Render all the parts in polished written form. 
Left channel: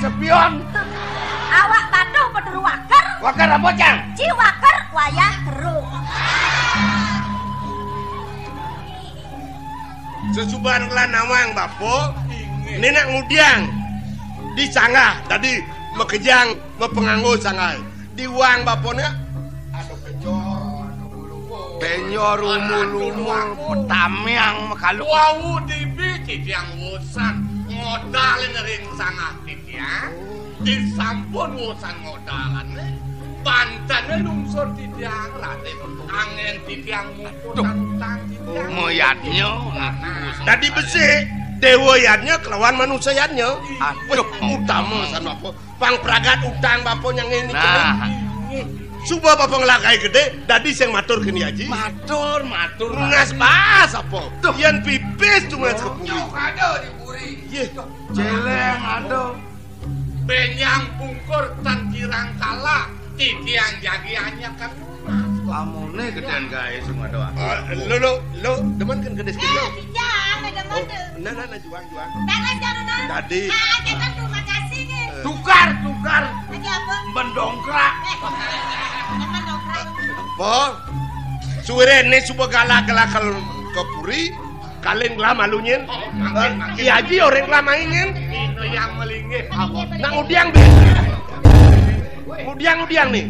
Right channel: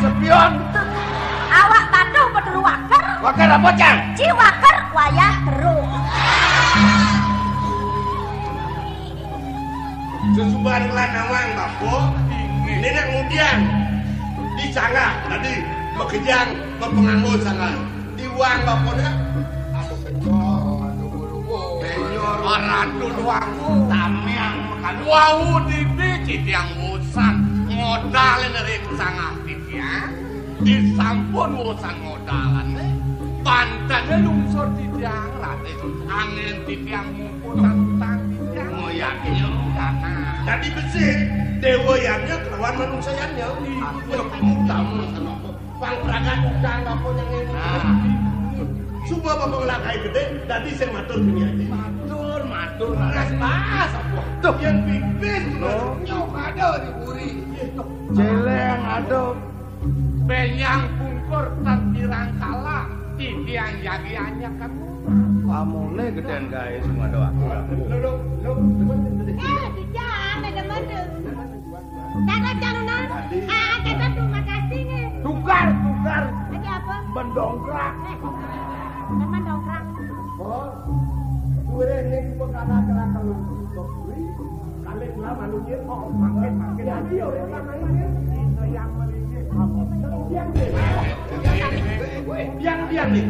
Sepion awak patuh betul wakar apa cang? Ci wakar wayah teruk sesuban lanawang bapo nenek ngudiang di sanggah tadi mekejang mepenganggo sanggah di wang bapona atau penyor aku tamiang mekalu wau dibi yang musan modal ngering sanggah disampun urusan modalan pantannya lungsur di tiang rate angin di tiang tantang di tiang moyatnya tadi besi dewoyannya kelawan manusianya utama sana apa pang pragat utang bapak yang ini subuh bapak ngelakai gede tadi saya matur gini aja matur ngas pas apa yang pipis cuma nyok ada di buri jeleng ada benyang bungkur tan kirang kala titian jagiannya kan kamu nih gedean guys semua doa lo demen kan gede sekali tidak demen nah juang tadi kita terima kasih nih tukar lagi apa mendongkrak mendongkrak apa suwe ne supa galak-galak ke puri kalian lama lunyin iya aja orang lama ingin itu yang melingih nang udiang nih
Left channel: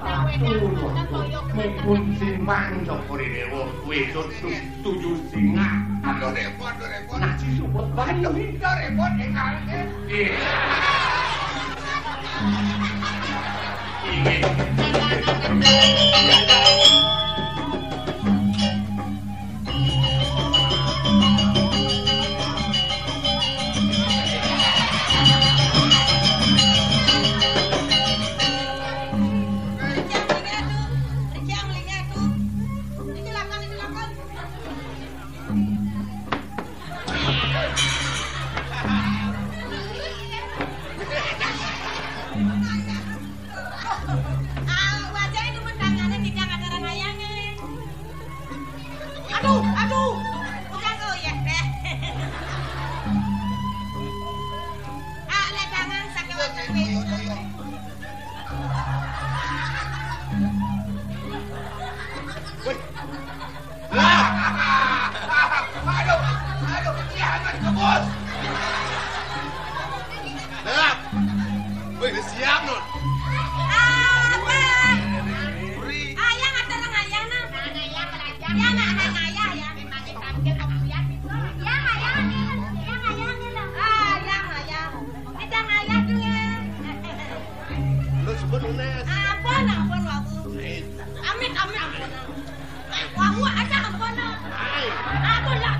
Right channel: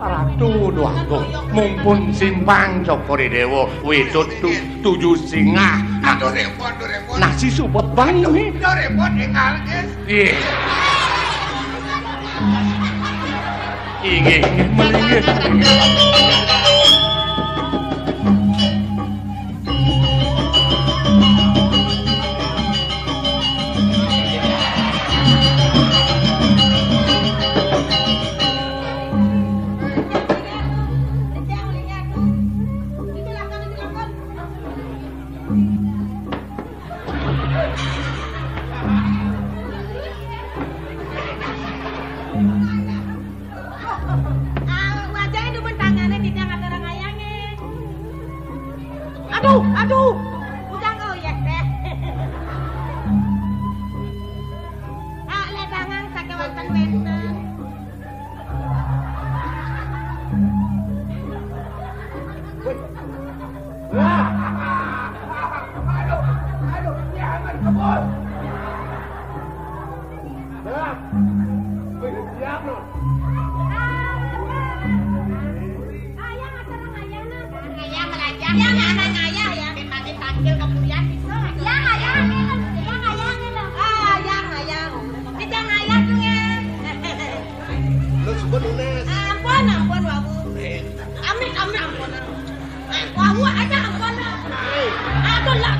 Ratu doangku mumpun simpang Cokori Dewo wisut tujuh singa aduh repot nasi supot bang ini repot tinggal ingin aduh udah kau ya Pak le tangan sakit wacan aduh jangan kebos wih siap non ayang ada orang ayang nang ayang belajar ya anak ayah ya pakai panggil kemudian ya ayang kita ayang tuh ya lo sebut unes ampun wabu amit ampun wabu aja ampun aduh lah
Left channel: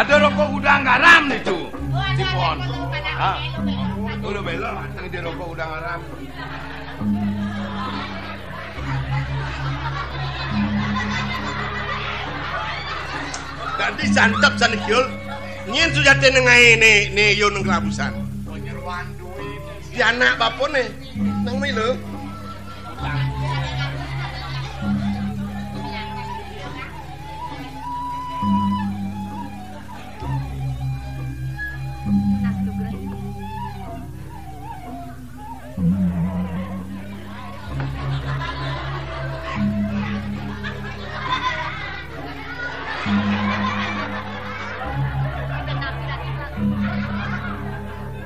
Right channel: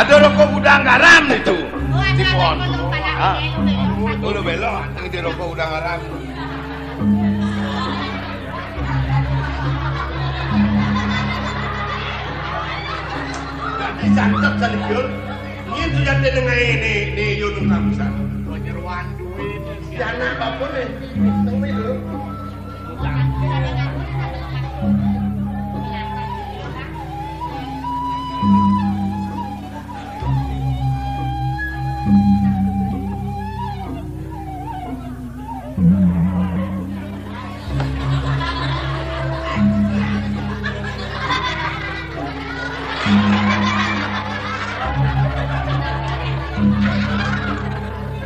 Ada rokok udang garam itu. Di pohon. Udah belok, ini rokok udang garam. Ganti santap sanikyul. Nyen sudah tenengai ne yun kelabusan. Penyeruan duit. Si anak bapun nih, nang milu.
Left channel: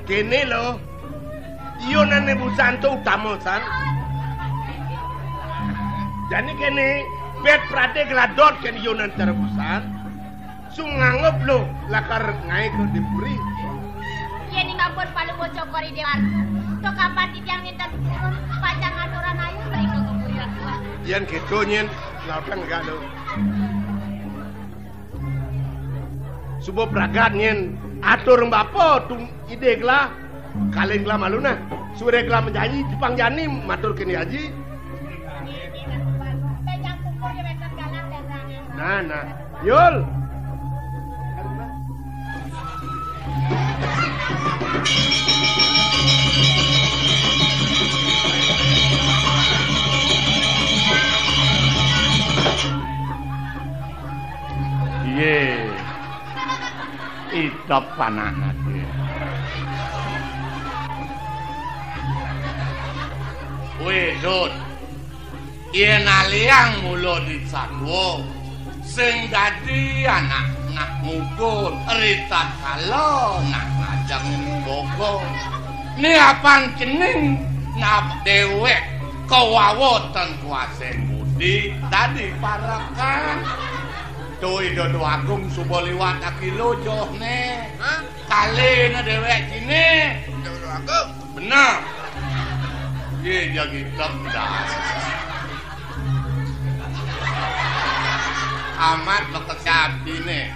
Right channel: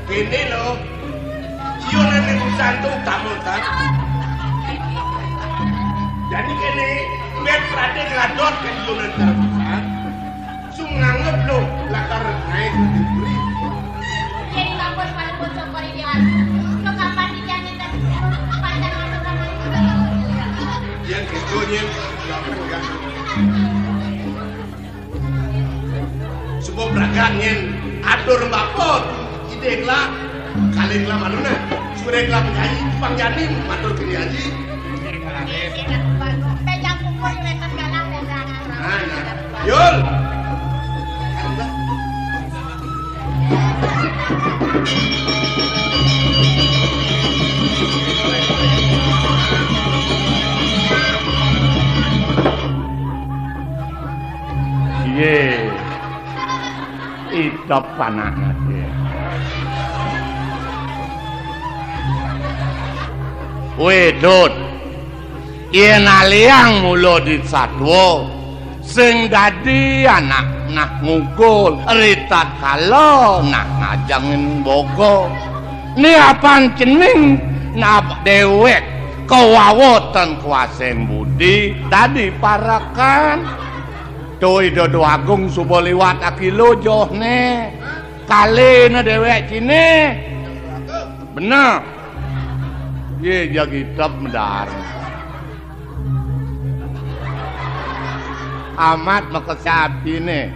Kini lo, yun ang negusan to utama ta. Jadi kini bet prate gradot kan yun ang terbesar. Sungangot lo, lakar naik diberi. Jadi kampus palu bocok kori dia. So kapan dijangin tadi panjang aturan aja. Yang gitu nyen, lakar enggak. Sebuah peragaan nyen, atur mbako tuh. Ideklah, kalinglah manuna, sureklah penyanyi, Jepang Janing, matur kini haji. Pejang kumpul mereka sekarang pegangan. Nah, Yul. Ye, idap panahnya dia. Wedot, yen aliang mulo di satwa, sing dadi anak nak ngukul, rita kalo nak ngajangin bogo. Ni apaan cening, nak dewek, kewawotan kuaseng budi, tadi parakan. Tuh Dodo Agung subo liwat akilo joh ne, kali na dewek cine, bener. Ye jadi temdar. Amat makesabi ne.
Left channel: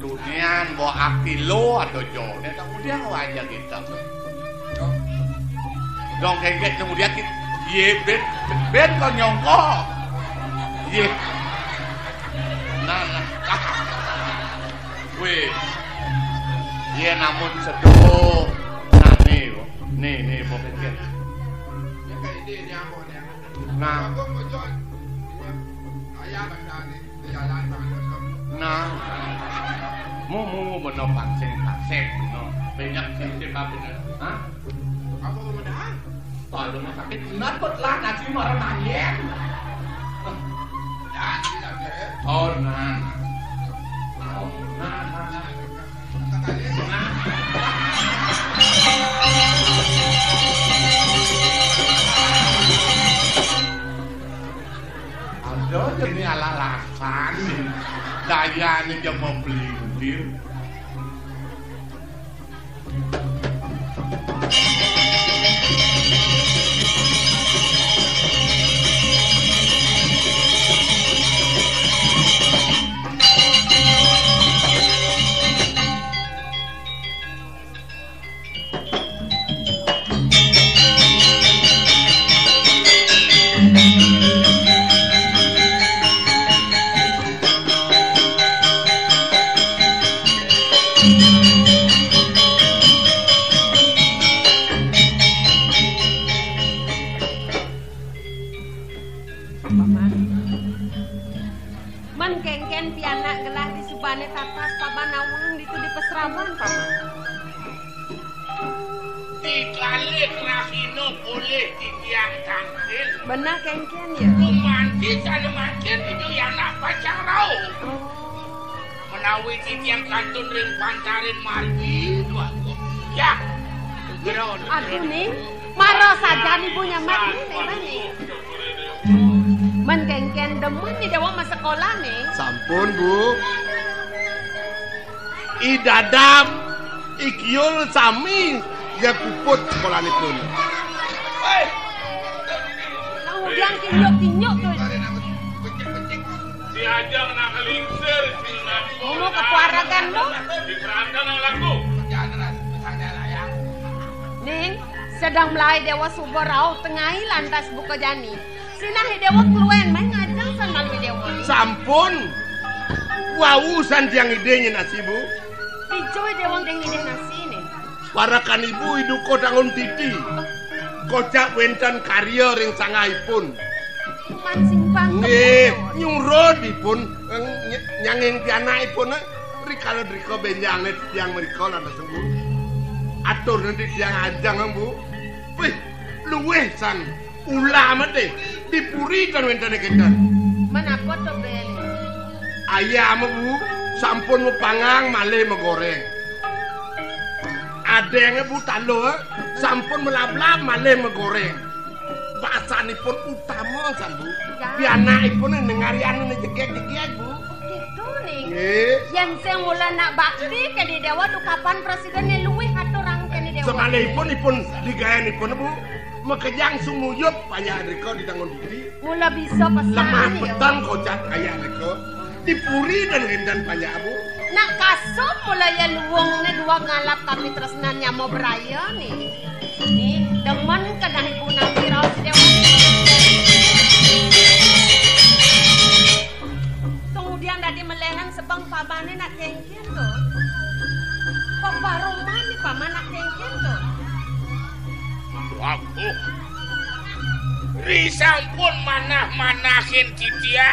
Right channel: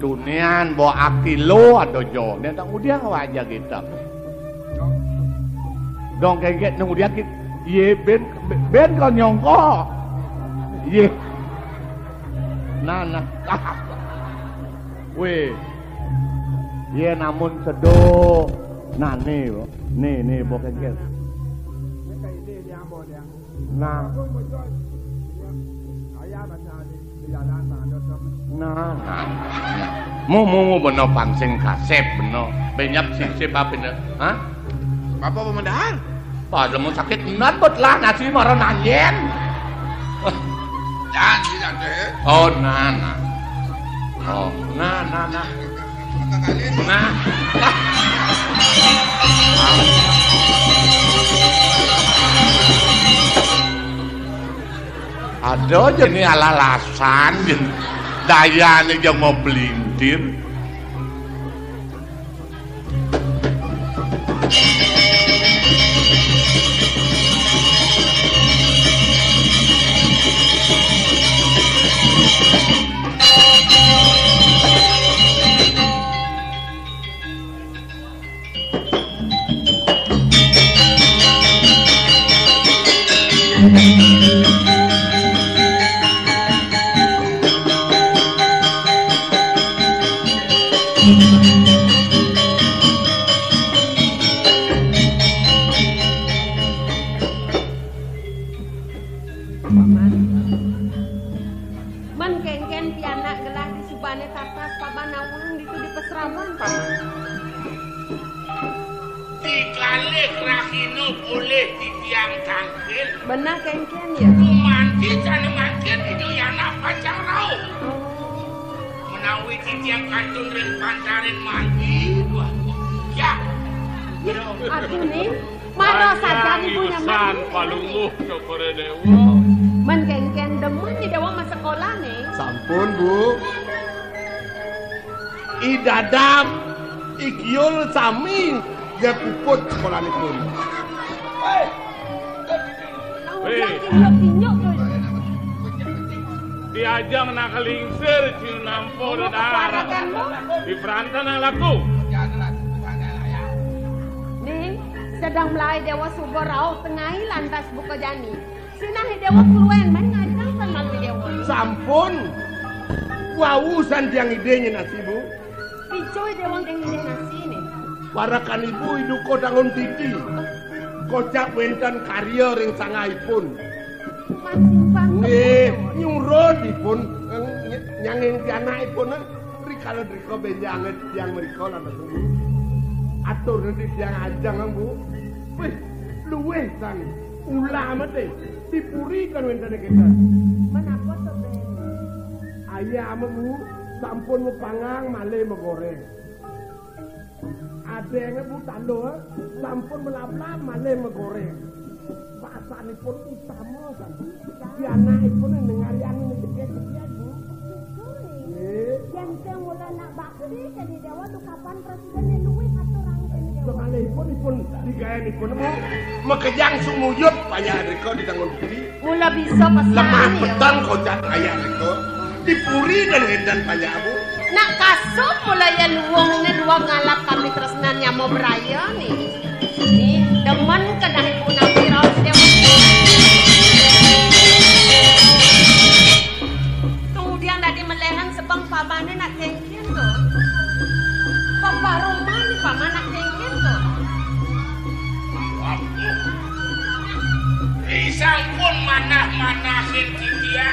Dunian bawa akilo atau jo. Ne tak udia aja kita. Dong kayak nung udia kita. Ye ben kau nyongko. Ye. Nah. Weh. Ye namun sedo. Nah nih bukan guys. Nah. Mu bener pangsing kasep bener. Banyak sip apa bener? Hah? Apa pemendahan? Pada mau sakit nanti lah nasi marah nanyen. Jangan deh. Oh nah. Oh nah. Nah. Ada aja nih alalasan daya nih yang mau belintir. Man kengken pianak gelah di subane tatas pabanawang itu di peserawan paman. Dikalik rahino boleh didiang tangkil. Benar kengken ya? Kumanti sana makin itu yang nak pacang rau. Menawi didiang kantun yang pancarin mandi dua. Ya. Aduh nih, marah saja ibunya mati. Man kengken demen di dewa masa sekolah nih. Sampun Bu. Idadam ikyul sami ya puput sekolah itu. Kemudian kinyok tuh. Si Ajang nakalingsir sinampo Mau keluarkan lo? Di perantan yang laku. Ning, sedang melai dewa subur rau tengahi lantas buka jani. Sinahi dewa keluen main ngajang san malui dewa. Sampun. Wausan tiang idenya nasi bu. Dicoy dewa yang ide nasi nih. Parakan ibu hidup kodangun titi. Kocak wentan karya ring sangaipun. Mancing bang. Nggih, nyurodipun nyanging pianakipun rikala-rika benjange tiyang mrika lantas Bu. Atur nanti tiyang Ajang Bu. Wih, luweh san ulama teh dipurikan wentane kedan. Menapa to beli? Ayam Bu sampun mepangang malih megoreng. Adenge Bu talo sampun melablab malih megoreng. Bahasanipun utama san Bu. Pianakipun nengariane jegek-jegek Bu. Gitu nih. Nggih. Yang saya mula nak bakti ke di dewa tuh kapan presidennya luwih aturang ke di dewa. Semalihipun digayanipun Bu, mekejang sumuyut payah rika ditanggung diri. Mula bisa pas Lemah petang kocak ayah rika. Dipuri dan hendan payah Bu. Nak kasut mula ya luwung ini dua ngalap kami tresnanya mau beraya nih. Nih, demen kedah ibu nabi raus dewa. Kemudian tadi melehan sebang pamannya nak kengken tuh. Paparoman paman nak kengken tuh. Aku risang pun manah-manahin dia.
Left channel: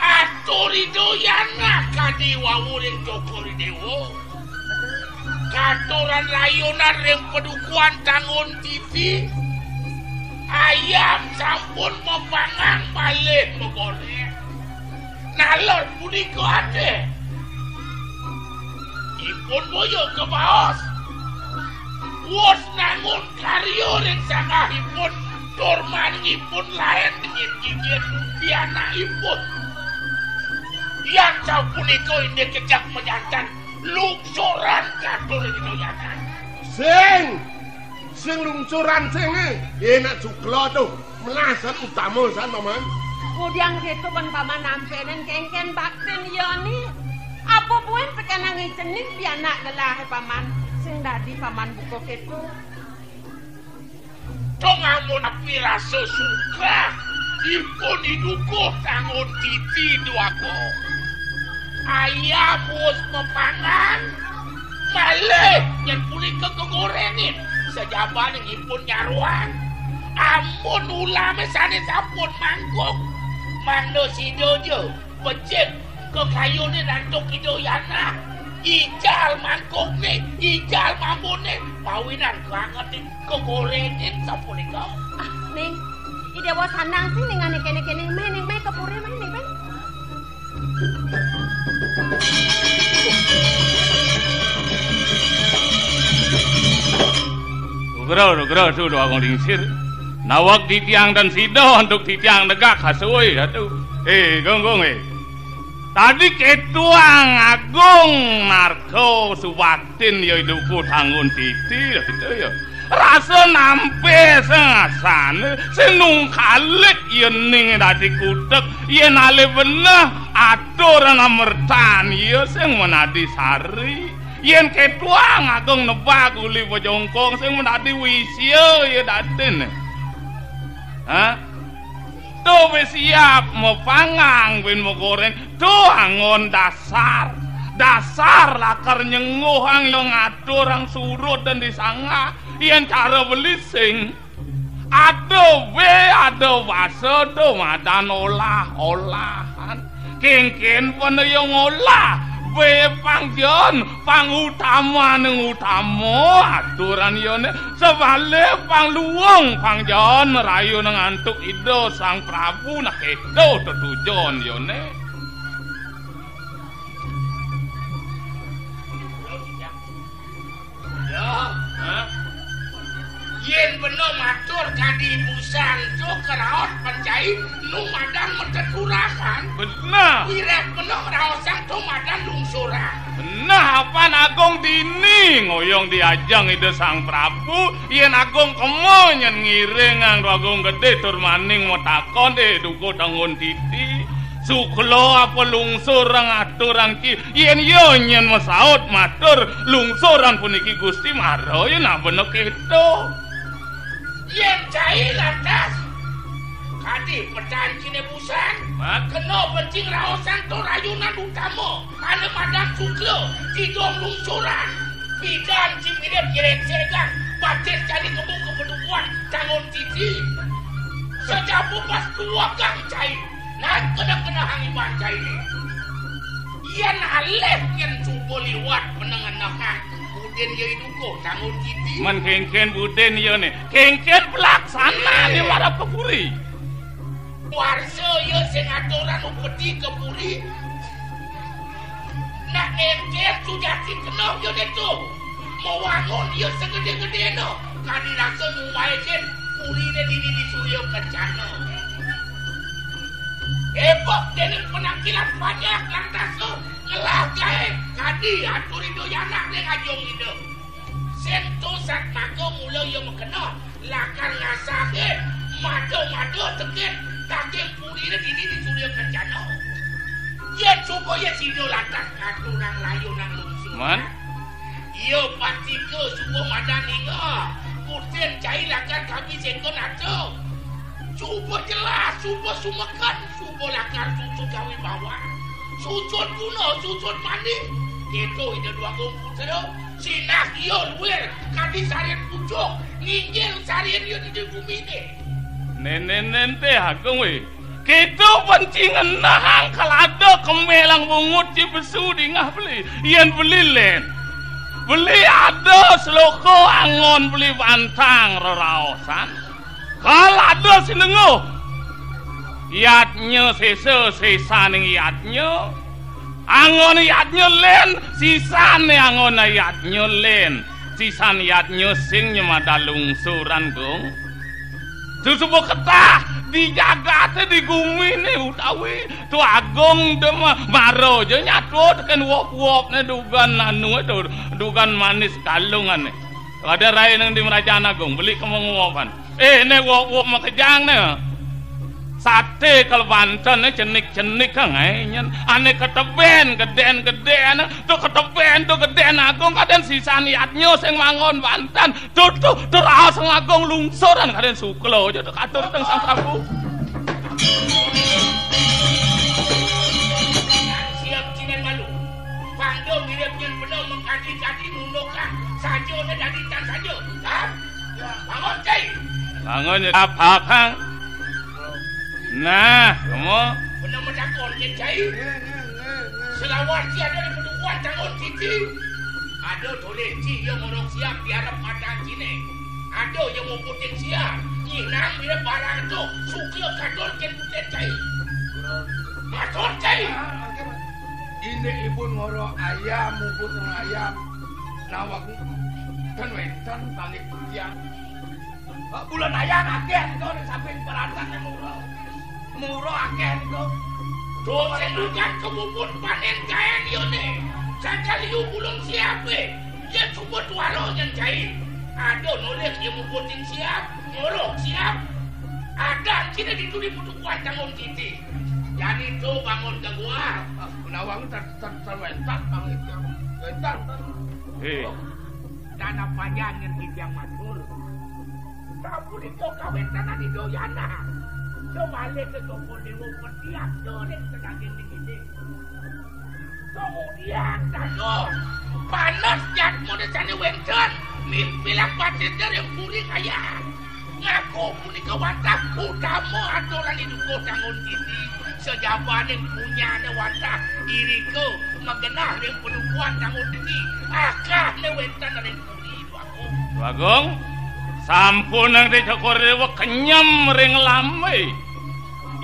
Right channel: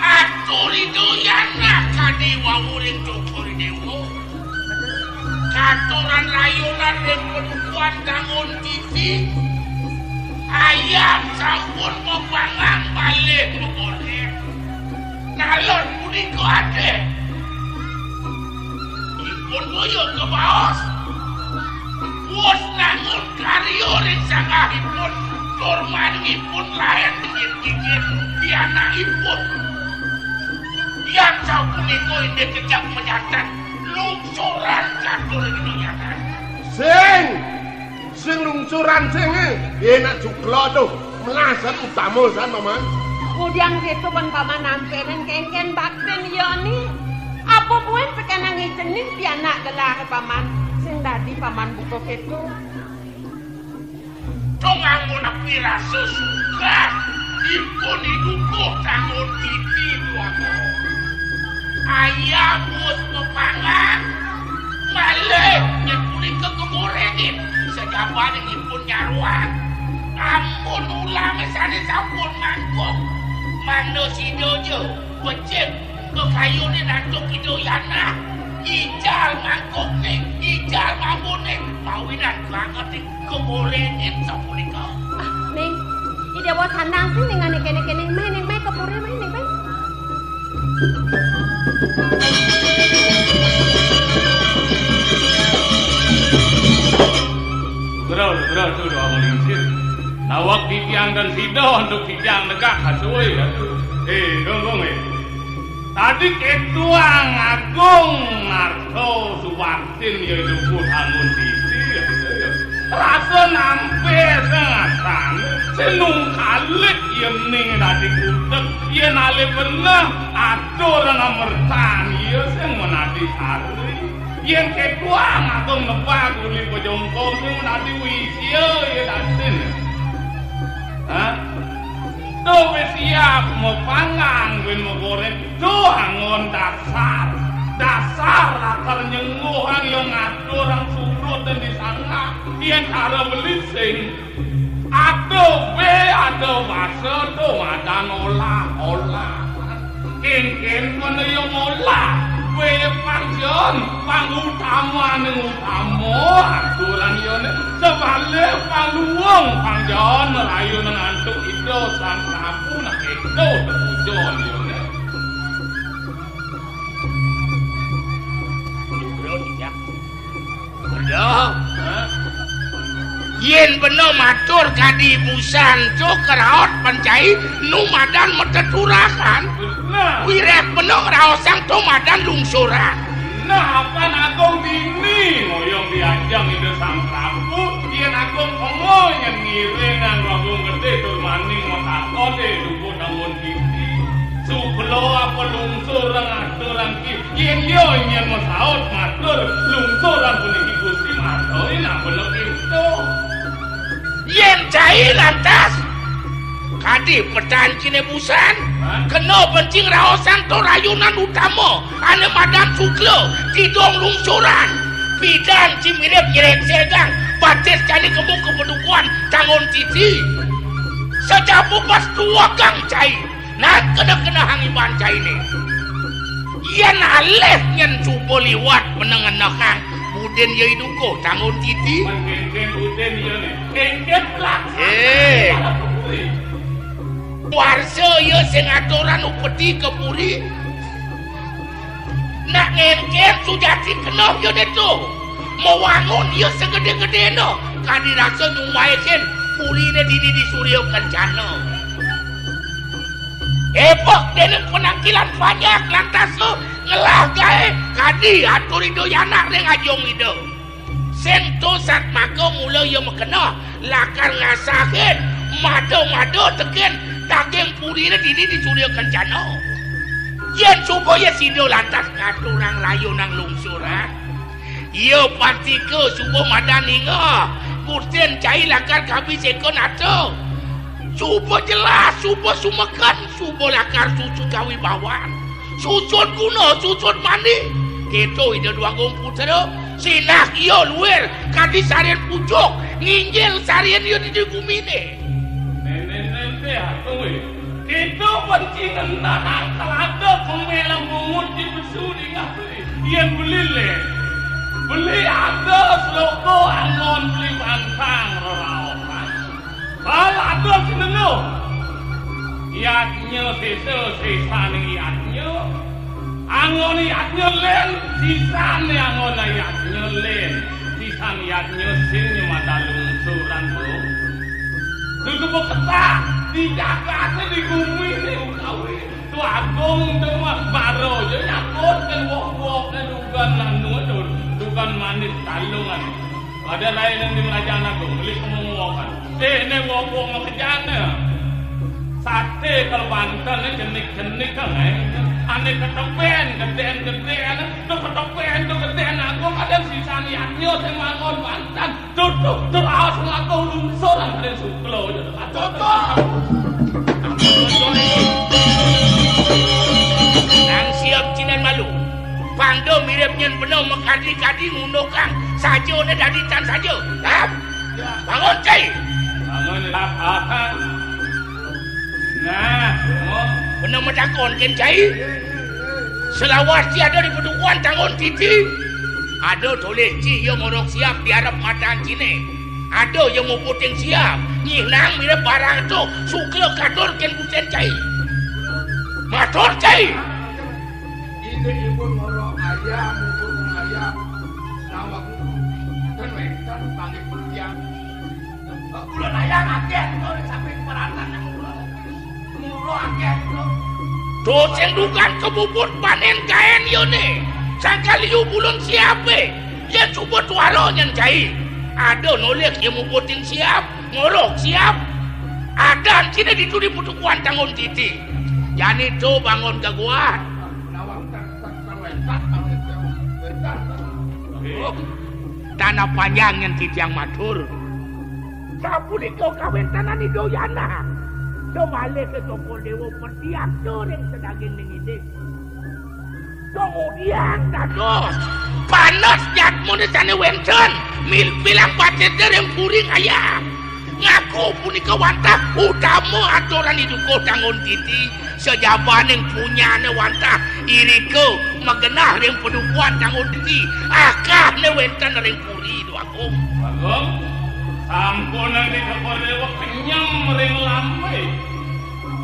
Aturi doyana kadi wawurin cokori dewo. Katuran layunan yang pedukuan tangun TV. Ayam sampun mepangang balik megoreng. Nalon puniko ade. Ipun boyo ke baos. Wos nangun karyo ring sangahipun. Dormanipun lain dingin-dingin pianakipun. Yang sapuniko ini kejak menyatan. Lungsuran katur di dunia. Sing lungsuran sing enak cuklo tuh melasan utama san paman. Kemudian gitu pan paman nampenan kengken bakten yoni. Apa buen pekanang ijenin pianak gelah paman. Sing dadi paman buka gitu. Tongamun api rasa suka. Ipun hidukuh tangun titi duako. Ayam bos mepangan. Malih nyepuli ke kegorengin. Sejaban yang ipun nyaruan. Ampun ulama sana sampun mangkuk. Mangno si dojo. Becek kekayunin antuk idoyana. Ijal mangkuknya. Ijal mamune. Pawinan banget kegorengin sampun ikaw. Ning, idewa sanang sih dengan kene-kene main kepuri main nih kan. Nugrau sudah aku lingsir. Nawak titiang dan sido untuk titiang negak hasui atuh. Gonggong Tadi ketuang agung narko suwatin ya hidupku tanggung titi ya. Rasa nampe sengasan senung kalik yening tadi kudek yen ale bener atur ngamertan ya sing menadi sari yen ketuang agung nebak uli bojongkong sing menadi wisya ya daden. Hah? Tuh siap mau pangang win mau goreng tuh angon dasar lakar nyenguhang yang ngatur ang surut dan disangga yang cara belising ada wasa tuh madan olah kengken pun yang olah we pangjon pangutama aturan yone sebalik pangluwung pangjon rayu ngantuk ido sang prabu nak edo tetujon yone yen bener matur kadi busan cuker raot pancai numadan meteturakan bener wirep bener raosang tumadan lungsuran Nah, apa Agung dini ngoyong diajang ide Sang Prabu, yen Agung kemo nyen ngiring nganggo Agung gede tur maning metakon duko dangun titi. Suklo apa lungsuran aturan ki, yen yo nyen mesaut matur lungsuran puniki Gusti Maro yen apa bener itu. Yen cai lantas kadi pedan kine busan kena bencing raosan to rayunan utama ane madam Suklo tidong lungsuran bidan cimirip nyeret segang batis cani kemung kepedukuan tangon titi sejapu pas tua kang cai nah kena hangiban cai ni yen aleh nyen cupo liwat menengan nakang buden ya iduko tangon titi man kengken buden ya ne kengken pelaksana para pepuri warso ya sing aturan upeti ke puri nak ngengken sujati kenop ya itu mau wangun ya segede-gede no kadi rasa nyumayakin puri ne dini di Surya Kencana epok dene penangkilan banyak lantas lo ngelah gae kadi atur ido yanak reng ajong ido sento sat maka mula ya mekena lakar ngasahin mado teken daging purine dini di Surya Kencana yen supaya sido lantas ngaturang layu nang lungsuran iya pasti ke subuh madani nga kursen cai lakar kabis ekon ato subuh jelas subuh sumekan subuh lakar susu kawi bawan susut kuno susut mani gitu ide dua putra sinah iya luar kadi sarian pucuk nginjil sarian iya di bumine nenen teh Agung we kitu pencingan nahang kalado kemelang bungut cibesu di ngah beli yen beli len beli ada seloko angon beli bantang reraosan kalado sinengo iatnya sisa ning iatnya angon iatnya len sisane angon iatnya len sisan iatnya sing nyemada lungsuran gong susupo ketah dijaga teh di gumi nih utawi tu Agung demah maro je nyakut kan wok ne dugan anu itu dugan manis kalungan ada rai nang di Merajaan Agung beli kemenguokan ne wok mah kejang ne sate kalau Banten ne cenik kang nyen ane keteben geden tu keteben tu geden Agung kaden sisa niatnya sing mangon Banten tu raos Agung lungsuran kaden Suklo je atur teng Sang Prabu nang siap cinen malu pando mirip nyen bener mekadi-kadi ngunukang saja ne daditan saja bangun cai bangun apa kang nah bener medakon ken cai selawat si ada di pedukuan tangon titi ada toleh ci yang ngorok siap diarap mataan cine ada yang mau puting siap nginang mirip barang itu Suklo katur ken kusen cai matur cai ini ibu ngorok ayam mubur ayam nawak kan wetan panggil putian bulan ayam agen kau di samping peratan yang murah agen kau tuh sing dukan kebubut panen kain yone sangkali yu bulan siape ya coba tuaro nyen cai ada nolek yang mau puting siap ngorok siap ada cina dituri putukuan tangon titi yani tuh bangun ke gua nawang terwetak panggil wetan tanah panjang yang titi yang matur sapu di kau kawin tanah di doyana sebalik ke toko dewa petiak tuh yang sedagin ini kemudian dados panas jatmu di sana wenten mil bilang batin dereng puring ayam ngaku punika wantah utama aturan itu kau tangon titi sejaban yang punya ne wantah iriko magenah yang pedukuan tangon titi akah ne wenten dereng puri itu Agung sampun nang dicokor dewa kenyam ring lame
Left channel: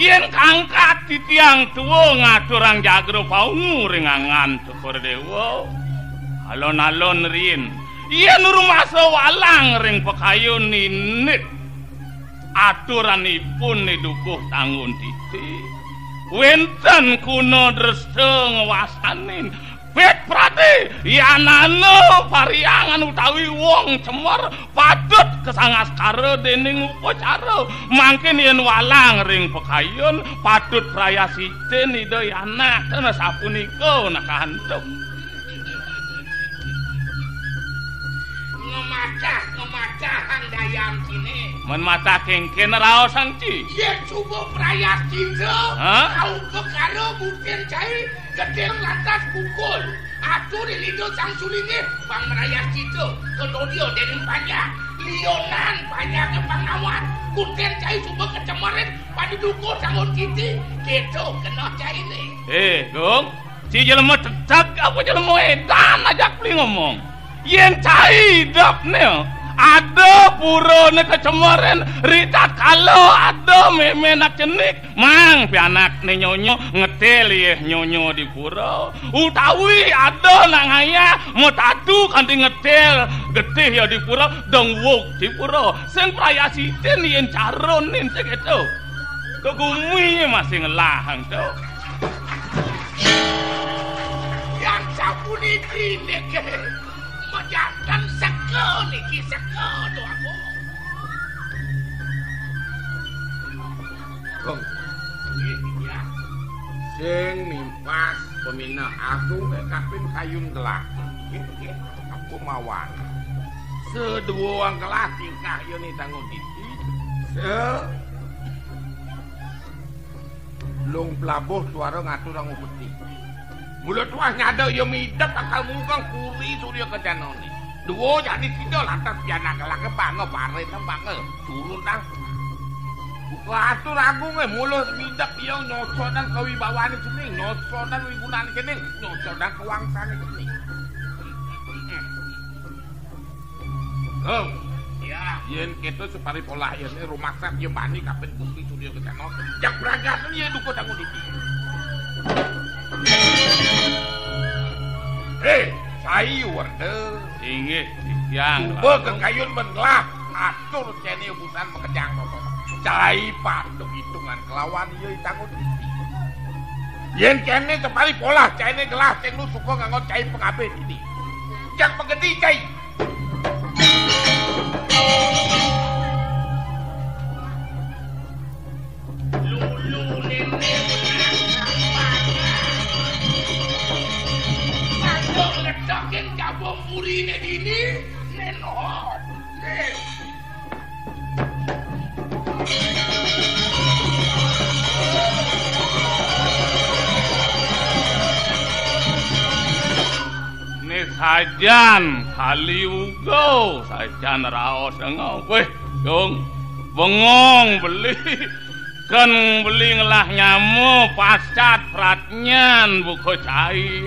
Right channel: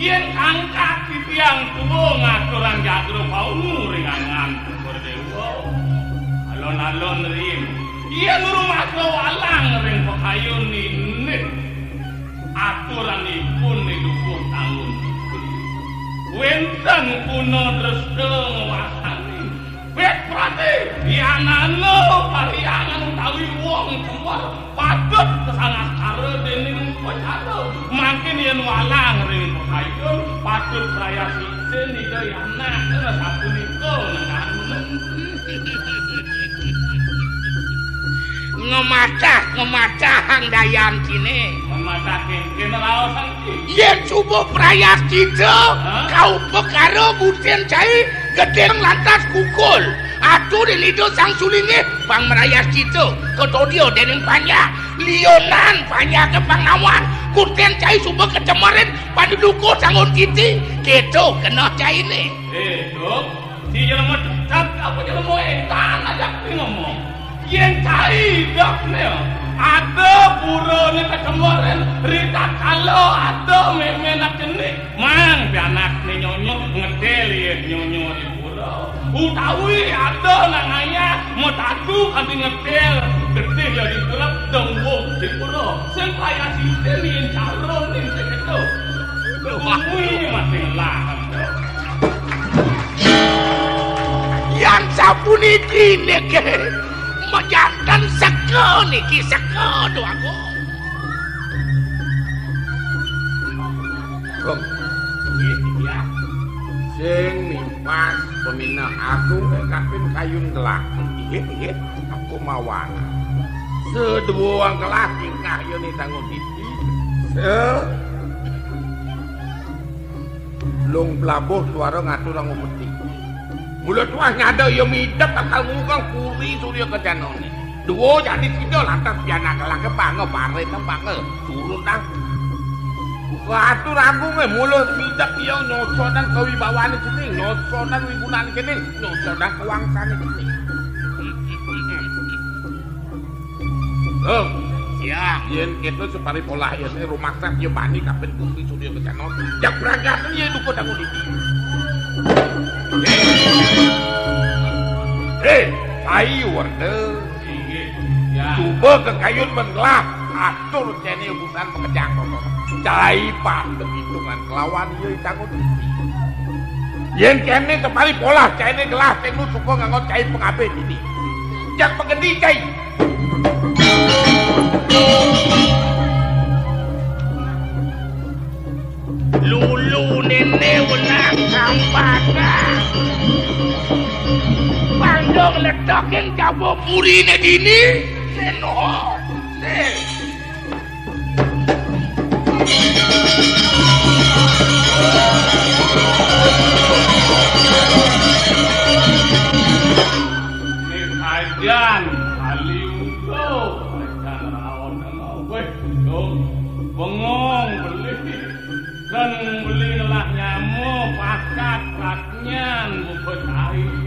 yen angkat di tiang tuwa ngaturang jagro paungu ring angan cokor dewa alon-alon rin yen rumah walang ring pekayun ini aturanipun dukuh tangun titi wenten kuno dresta ngewasanin bet Prati yanana pariangan utawi wong cemor patut kesangaskara dening upacara mangke yen walang ring pekayun patut raya sitin ida anak kena sapunika nakandhep ngemacah hang dayan kini men mata kengken raos sanci yen subuh prayas cita kau pekaro buten cai gedeng lantas kukul atuh dilido sang sulinge pang merayas cita kedodio dening panya lionan panya ke pangawan kuten cai subuh kecemarin panduduko sangun titi kedo kena cai ni dong si jelema tetap apa jelema edan ajak li ngomong yen cai dapne ada purone kecemaran rita kalau ada memenak cenik mang pianak ne nyonyo ngetel ye nyonyo di pura utawi ada nangaya mau tatu kanthi ngetel getih ya di pura dong wuk di pura sing kaya siten yen caronin seketo bumi masih ngelahan to yang sapuniki neke majantan seko niki seko doaku. Gong. Iya. Sing nimpas peminah agung kaping kayun kelah. Nggih. Aku mawon. Seduwang kelah tingkah yone tanggung titi. Lung plabuh suara ngatur nang peti. Mula tuah ngada ya midap akal mungkang kuri surya kejanone. Duo jadi tidak lantas pianak kelah kepange pare tempange turun tang. Atur agung mula midap ya nyosonan kawibawane jeneng, nyosonan wigunane kene, nyosonan kewangsane kene. Oh, ya, yen kita separi pola yen rumaksa ya bani kapen kuri surya kejanone. Jak berangkat yen duko tanggung diti. Sayu warna inggih ya coba ke kayun mengelak atur cene ubusan pekejang cai pandem hitungan kelawan ieu tanggung titi yen kene kepari pola cene gelah tengnu suka nganggo cai pengabe ini jak pegedi cai lulu nene wenang kampaka Paldong letokin jabo purine dini seno ini sajan kali ugo sajan raos engau weh dong bengong beli kan beli ngelah nyamu pascat pratnyan buko cai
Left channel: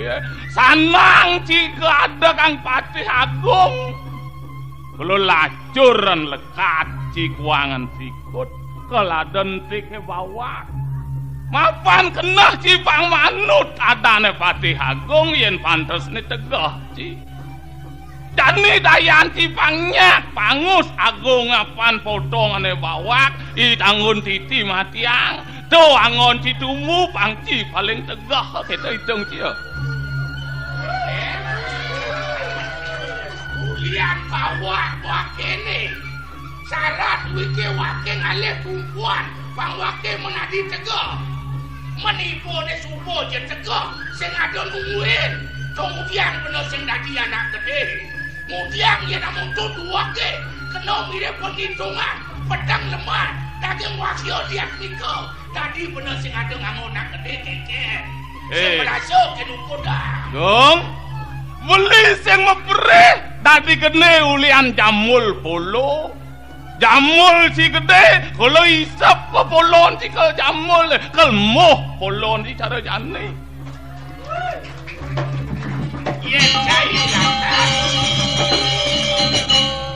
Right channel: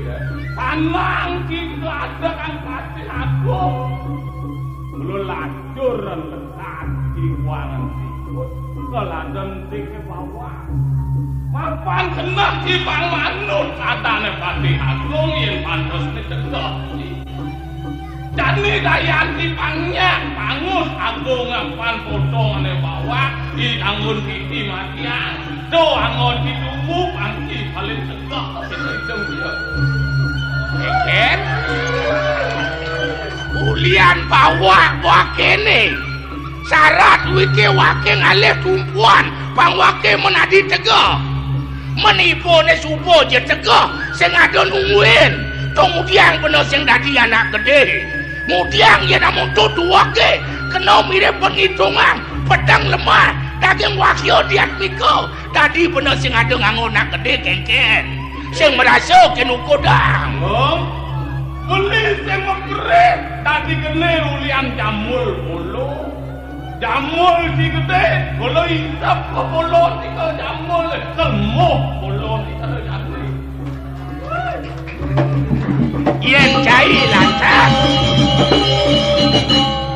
sanang jika ada kang patih agung belum lacuran lekat cikuangan sikut keladan tike bawah mapan kena cipang manut kadane patih agung yen pantes ni tegah Jani dayan cipangnya pangus agung apan potongane bawah ditanggun titi matiang do angon ditumu pangci paling tegah kita hitung dia ken ulian bawah wakene syarat wike wake ngalih tumpuan pang wake menadi tegah menipu ne subuh je tegah sing adon nungguin kemudian bener sing dadi anak gede Mudiang ya namun tutu wake kena mirip penghitungan pedang lemah daging wakio diat miko tadi bener sing ada nganggo nak gede kengken sing merasa kenu kodang dong beli sing mepere tadi kene ulian jamul polo jamul si gede kalau isap ke polon si ke jamul kelmoh polon si cara jani yen cai lantas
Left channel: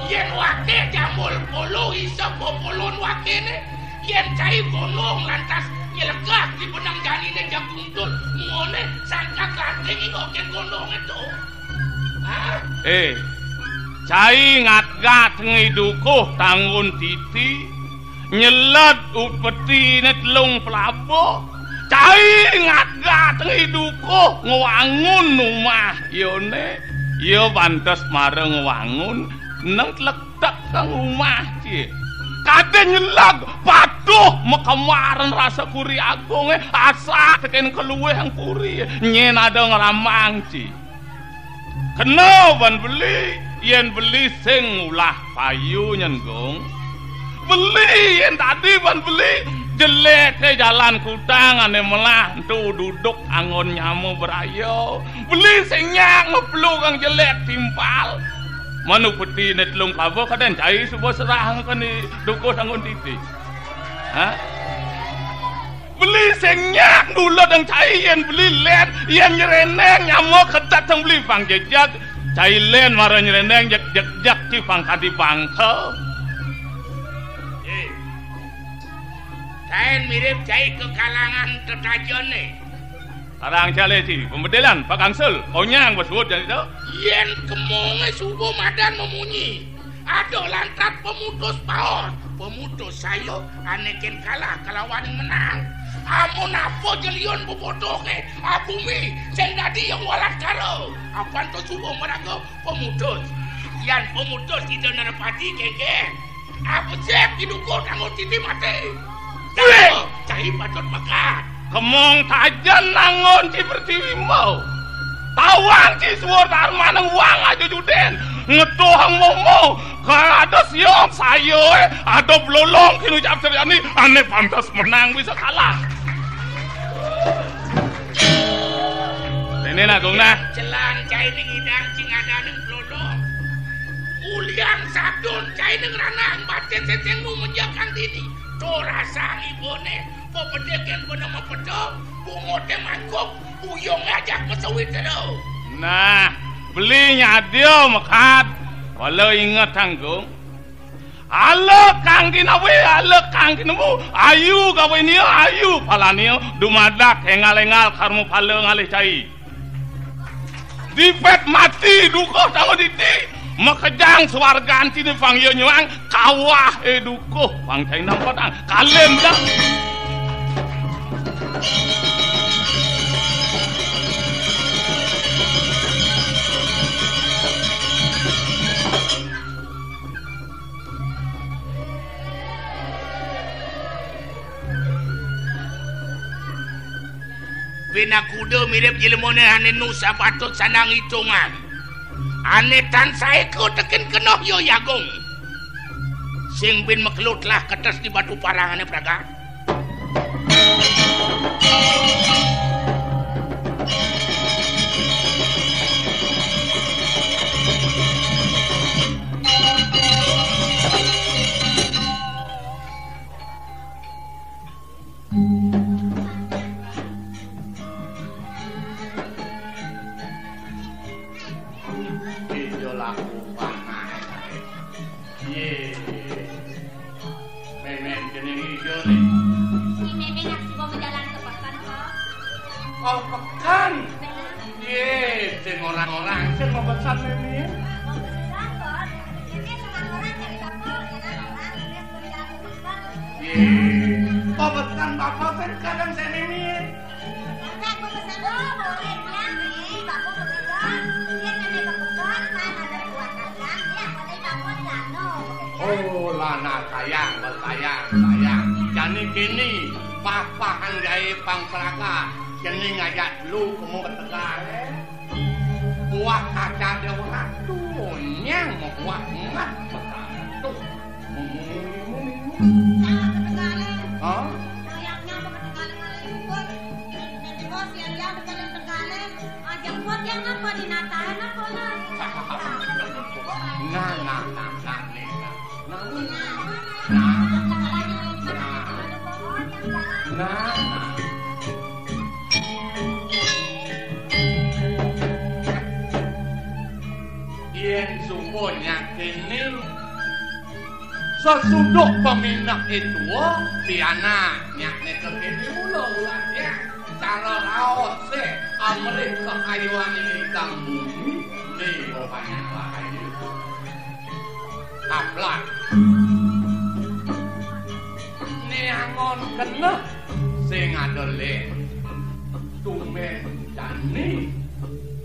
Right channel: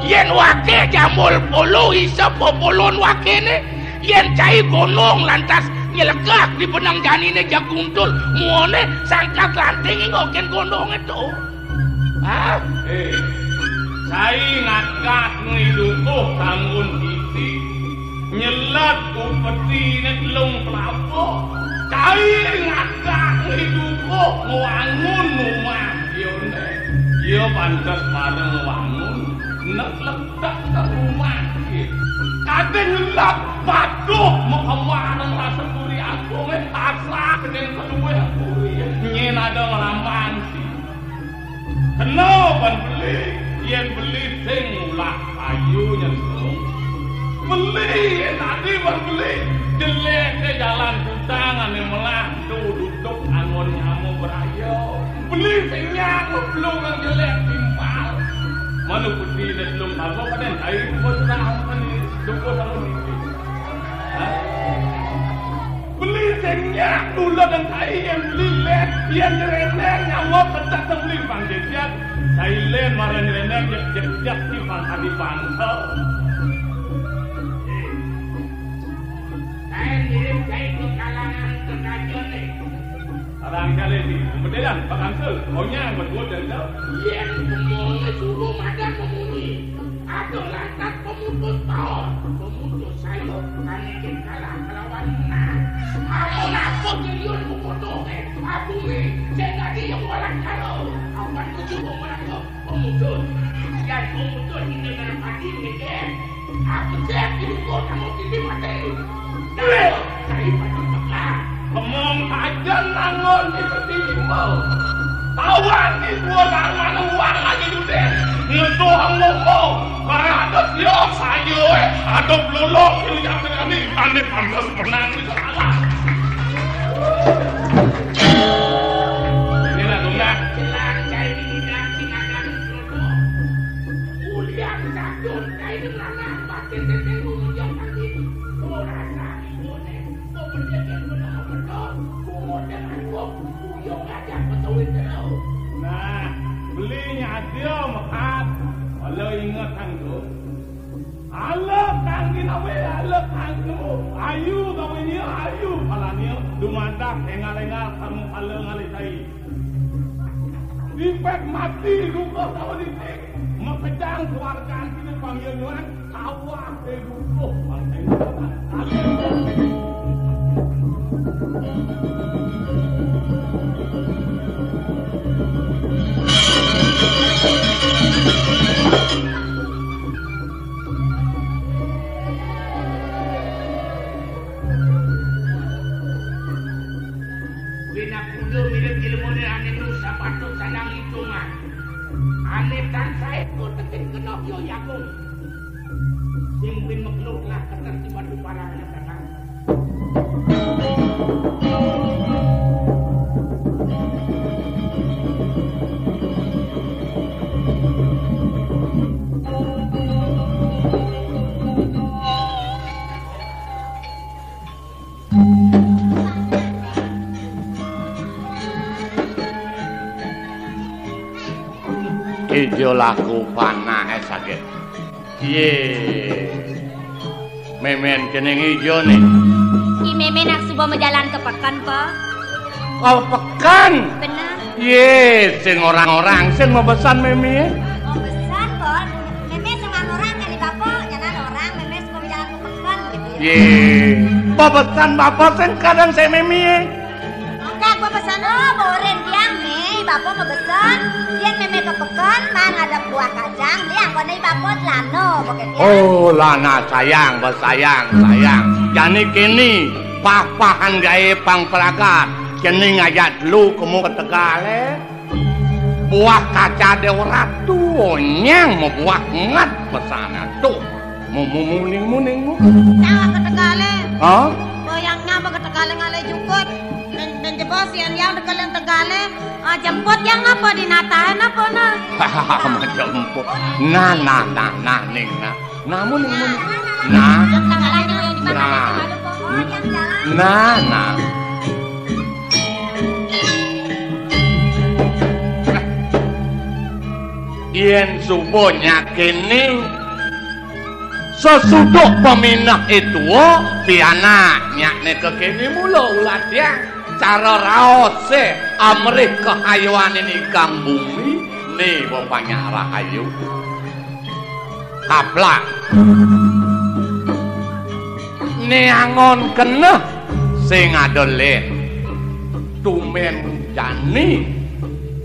yen wake jamul polo isap popolon wakene yen cai gonong lantas nyelegak di benang janine jaguntul muone sangkat lanting ngoken gonong itu cai ngat-ngat ngidukuh tanggun titi nyelat upeti netlung pelapo cai ngat-ngat ngidukuh ngewangun rumah yone ya pantes mareng wangun nang ledak kang omah iki kadang nyelak patuh mekemaran rasa kuri agung asa keten keluwe yang kuri nyen ada ngramangci kena ban beli yen beli sing ulah payu nyenggung beli yen tadi ban beli jelek ke jalan kutang ane melah duduk angon nyamu berayo beli sing nyang ngeblung kang jelek timpal manu peti ne telung kawo kaden cai subuh serang kani duko sangon titi ha beli sengnya dulu dang cai yen beli len yen nyereneng nyamuk ketat tang beli pang jejak cai len mara nyereneng jak ci pang kadi pangkel kain mirip cai ke kalangan ketajon nih arang cale ci pembedelan Pak Angsel kau nyang besuat jadi tu yen kemong subuh madan memunyi aduh lantat pemutus paon pemutus sayo anekin kalah kelawan menang amun apa jelion bubodoke abumi sing dadi yang walat karo apan tu subuh mereka pemutus yan pemutus itu nerepati keke apa cek didukur tanggung titi mati cai patut mekah kemong tajan nangon ci pertiwimau tawan ci suar manang uang aja duden ngedohang ngomong kalau ada siok sayo ada belolong kini jam seriani aneh pantas menang bisa kalah ini nak guna celang cai dingidang cing ada ng belolong uliang sadun cai ng ranang batin seteng menjakan diri torasa ibone pedekan pada mapedok bungote mangkok uyong ngajak pesawit terus nah belinya dia mekat walau ingat tanggung ala kang kinawe ala kang kinamu ayu gawe niyo ayu palanio dumadak hengal-hengal karmu pala ngalih cai dipet mati dukoh tango diti makejang swargan tini pangyo nyuang kawah dukoh pang cai nang patang kalem dah Bina kuda mirip jelmone ane nusa patut sanang hitungan ane tan saeko teken kenoh yo yagung sing bin meklut lah ketes di batu parang ane praga ijo laku panah sakit ye memen kening ijo nih si memen nak subuh menjalan ke pekan kok kau pekan benar ye sing orang-orang sing mau pesan meme mau pesan kok meme sama orang kali bapak jangan orang meme subuh menjalan ke pekan gitu ye pesan bapak sing kadang saya meme enggak gua pesan boren tiang nih bapak mau pesan dia meme ke pekan mang ada buah kacang dia kone bapak lano pokoknya oh lana sayang sayang jani kini papahan gawe pang peragat kini ngajak dulu kamu ke Tegale buah kaca dewa ratu nyang mau buah ngat pesana tuh mau muning nyawa ke Tegale oh yang nyampe ke Tegale ngale jukut dan jebos yang dekat yang Tegale jemput yang apa dinatain apa nah jemput nah ning namun nah yen subuhnya kini sesudah peminah itu piana nyakne kekini mula ulah dia cara raose amrih kehayuan ini kang bumi nih bapaknya rahayu kaplak neangon kena sing adole tumen jani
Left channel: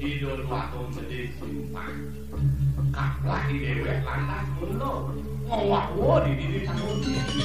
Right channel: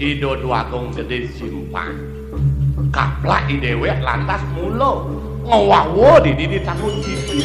Ido Agung Gede simpang. Kaplak dewek lantas mula ngowawo di didi takun cici.